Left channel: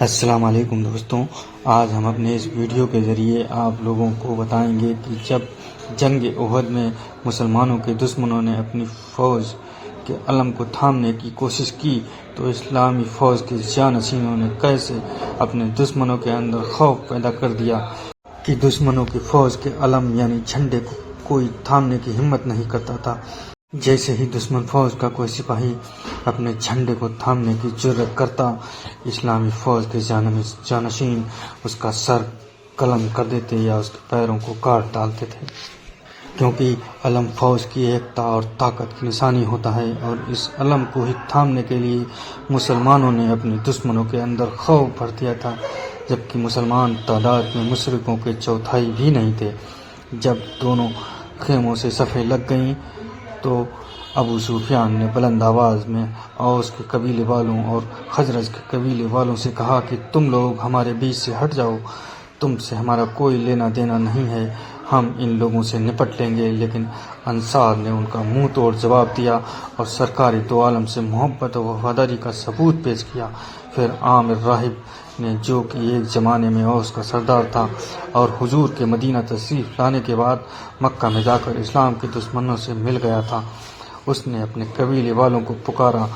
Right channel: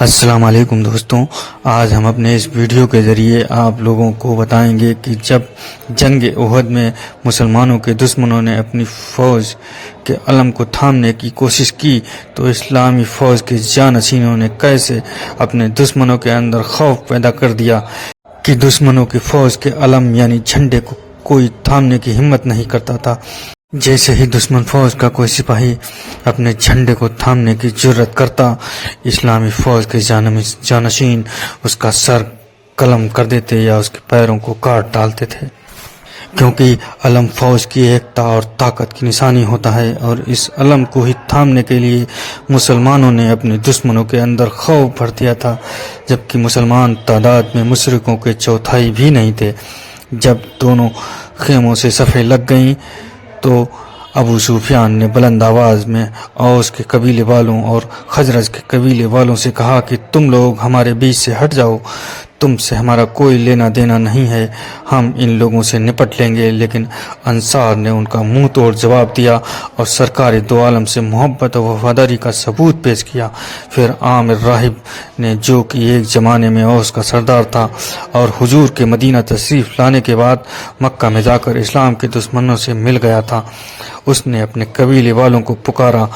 السلام علیکم دوستوں، آج ہم اپنے اس ویڈیو کے ذریعے آپ لوگوں کو بتائیں گے کہ جب جنگ احد میں مسلمانوں کے دشمنوں نے اپنی فوج کے علم کو تھامنے کی کوشش کی تو اسلامی فوج کے جانشینوں نے کیسے اپنے دشمنوں کے اندر خوف پیدا کر دیا کہ دشمنوں کی فوج کے علم یعنی جھنڈے کو کوئی تھامنے کی ہمت نہیں کرتا تھا۔ جیسے ہی دشمن فوج کا کوئی سپاہی اپنے جھنڈے کو تھامنے کی جرت کرتا، اسلامی فوج کے جانشین اس کا سر قلم کر دیتے یا اس کے پیروں کو کاٹ ڈالتے تھے، کیونکہ علم فوج کی ایکتا اور طاقت کی نشانی ہوتا ہے، اور اس علم کو ہی تھامنے کے لیے مسلمانوں نے اپنے دشمنوں کے اندر خوف بھر دیا تھا، جبکہ مسلمان تعداد میں مشرکوں کے چوتھائی بھی نہیں تھے۔ جب دونوں خیموں سے صفیں لگ گئیں تو ابو سفیان نے بلند آواز میں اوس کے قبیلے والوں اور خزرج کے قبیلے والوں سے کہا کہ تم لوگ ہمارے بیچ سے ہٹ جاؤ، تم سے ہمارا کوئی لینا دینا نہیں ہے، ہم ان لوگوں سے نپٹ لیں گے۔ لیکن انصار نے ان کا منہ توڑ جواب دیا اور سرکار دو عالم سے محبت و وفاداری کا ثبوت پیش کیا۔ پھر عامر راہب نے، جو کہ ایک زمانے میں اوس کا سردار تھا اور حضور کے مدینہ تشریف لانے کے بعد مکہ میں جا کر اسلام کے دشمنوں سے مل گیا تھا، اس نے اپنے قبیلے والوں کو پکارا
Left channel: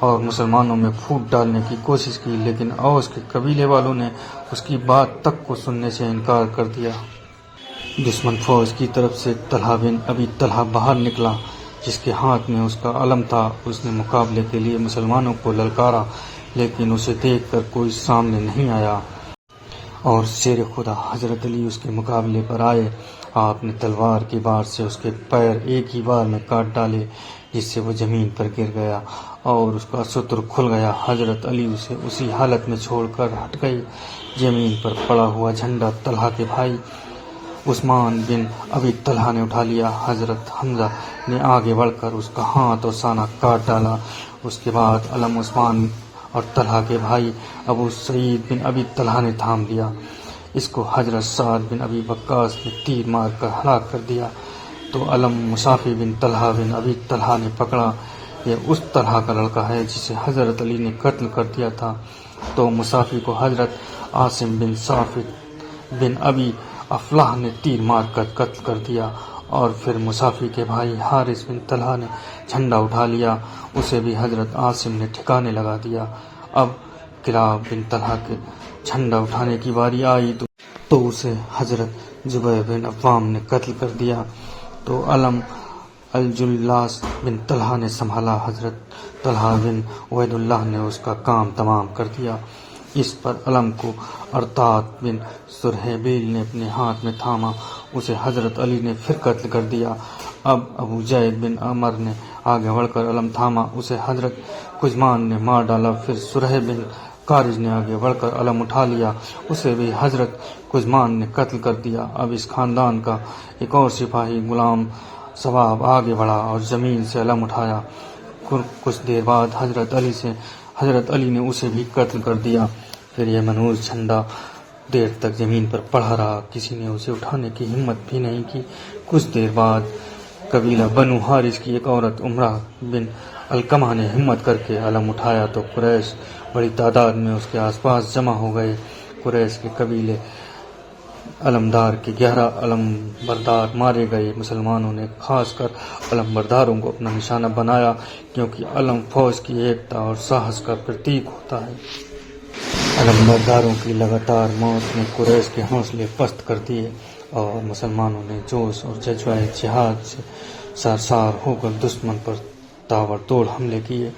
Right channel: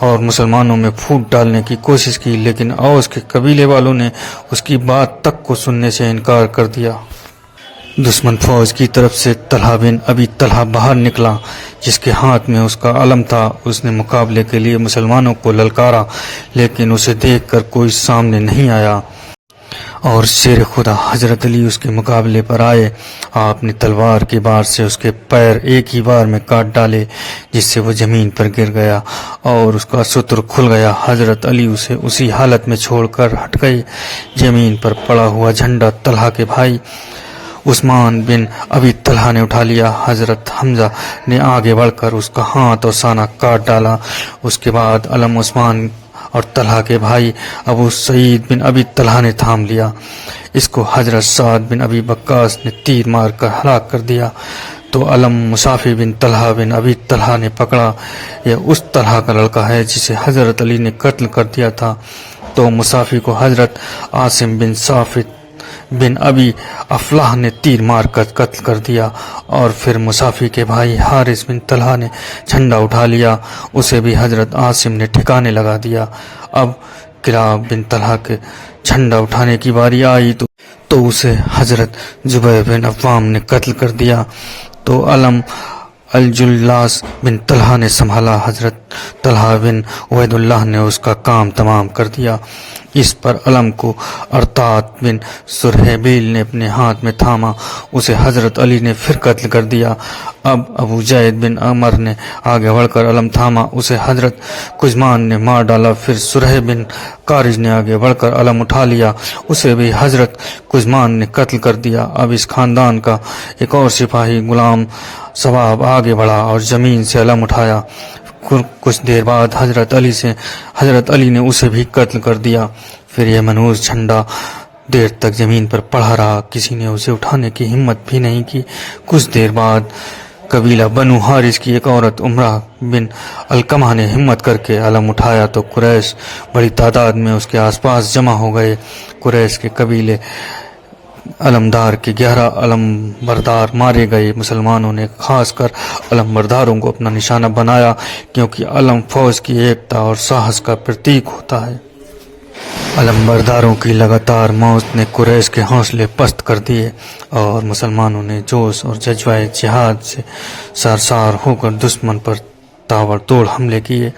اور مسلمانوں میں پھوٹ ڈالنے کی کوشش کی، لیکن اوس کے قبیلے والوں نے اس کی بات تک کو سننے سے انکار کر دیا۔ دشمن فوج کی طرف سے طلحہ بن ابی طلحہ باہر نکلا، جس کے ہاتھ میں اس کا علم تھا۔ اس نے مقابلے کے لیے مسلمانوں کو للکارا، لیکن اسے دیکھ کر کوئی سامنے نہیں آیا، اور شیر خدا حضرت علی اس کے مقابلے پر آئے۔ آپ نے تلوار کی بار سے اس کے پیر ایک ہی بار میں کاٹ ڈالے، جس سے وہ زمین پر گر گیا اور اس کا ستر کھل گیا۔ حضرت علی اسے اسی حالت میں چھوڑ کر ہٹ گئے۔ زمین پر پڑا ہوا جھنڈا طلحہ کے بھائی عثمان بن ابی طلحہ نے اٹھا لیا۔ حضرت حمزہ نے آگے بڑھ کر اس کا ہاتھ اور سانہ کاٹ ڈالا۔ اس کے بعد علم عثمان اور طلحہ کے بھائی ابو سعید بن ابی طلحہ نے تھام لیا۔ اس کو حضرت سعد بن ابی وقاص نے تیر مار کر ہلاک کر دیا تو علم مصافی بن طلحہ بن ابی طلحہ نے پکڑا۔ یہ اس طلحہ کا لڑکا ہے جسے حضرت علی نے قتل کر دیا تھا، تو مصافی کو حضرت عاصم بن صافت بن ابی افلاح نے تیر مار کر قتل کر دیا، اور پھر مصافی کے بھائی حارث بن طلحہ نے جھنڈا اٹھا لیا، اسے بھی حضرت عاصم نے ٹھکانے لگا دیا۔ اب کلاب بن طلحہ کے جھنڈا اٹھانے کی باری آئی تو اسے حضرت زبیر بن عوام نے قتل کر دیا، تو علم الجلاس بن طلحہ نے سنبھالا۔ حضرت طلحہ بن عبید اللہ نے اس کا کام تمام کر دیا۔ اس پر علم کو ارطاد بن سرحبیل نے اپنے ہاتھ میں تھاما، اسے حضرت علی نے پھر قتل کر دیا۔ اب ابو جید بن عمر نے آگے بڑھ کر علم تھاما، اسے حضرت کزمان نے مار ڈالا۔ پھر سرح بن کارج نے آگے بڑھ کر علم اٹھا لیا، اسے بھی حضرت کزمان نے قتل کر دیا۔ اب اس خاندان کا ایک اور سپاہی غلام ثواب آگے بڑھا اور زمین سے علم اٹھایا۔ کچھ دیر بعد حضرت علی نے اسے بھی قتل کر دیا۔ پھر یہ منحوس جھنڈا دیر تک زمین پر پڑا رہا، کسی نے اسے اٹھانے کی ہمت بھی نہیں کی۔ کچھ دیر بعد قبیلہ بنو حارث کی ایک عورت عمرہ بن علقمہ نے ہمت کر کے علم اٹھایا تو قریش بڑی تعداد میں اس کے آس پاس جمع ہو گئے۔ قریش کے قبیلے علمدار کے 11 علم بردار مارے گئے۔ مسلمانوں نے خاص کر علم برداروں کو اپنا نشانہ بنایا، کیونکہ علم فوج کی ایکتا اور ساہس کا پرتیک ہوتا ہے۔ علم برداروں کی لگاتار موت نے قریش کے حوصلے پست کر دیے، اور مسلمانوں نے جوش اور جذبہ جہاد سے سرشار ہو کر دشمن پر تابڑ توڑ حملے کیے۔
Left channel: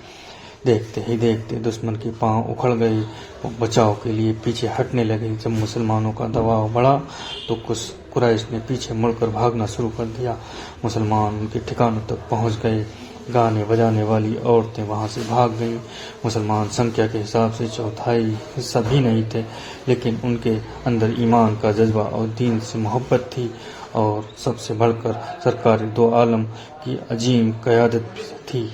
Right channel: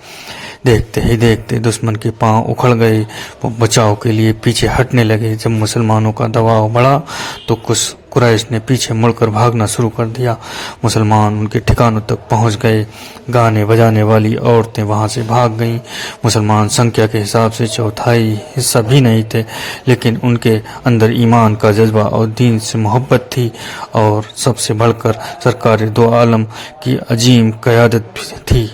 دیکھتے ہی دیکھتے دشمن کے پاؤں اکھڑ گئے، وہ بچاؤ کے لیے پیچھے ہٹنے لگے۔ جب مسلمانوں کا دباؤ بڑھا تو کچھ قریش نے پیچھے مڑ کر بھاگنا شروع کر دیا۔ مسلمان ان کے ٹھکانوں تک پہنچ گئے، گانے بجانے والی عورتیں وہاں سے بھاگ گئیں۔ مسلمان سنکھیا کے حساب سے چوتھائی حصہ بھی نہیں تھے، لیکن ان کے اندر ایمان کا جذبہ اور دین سے محبت تھی، اور سب سے بڑھ کر سرکار دو عالم کی عظیم قیادت تھی۔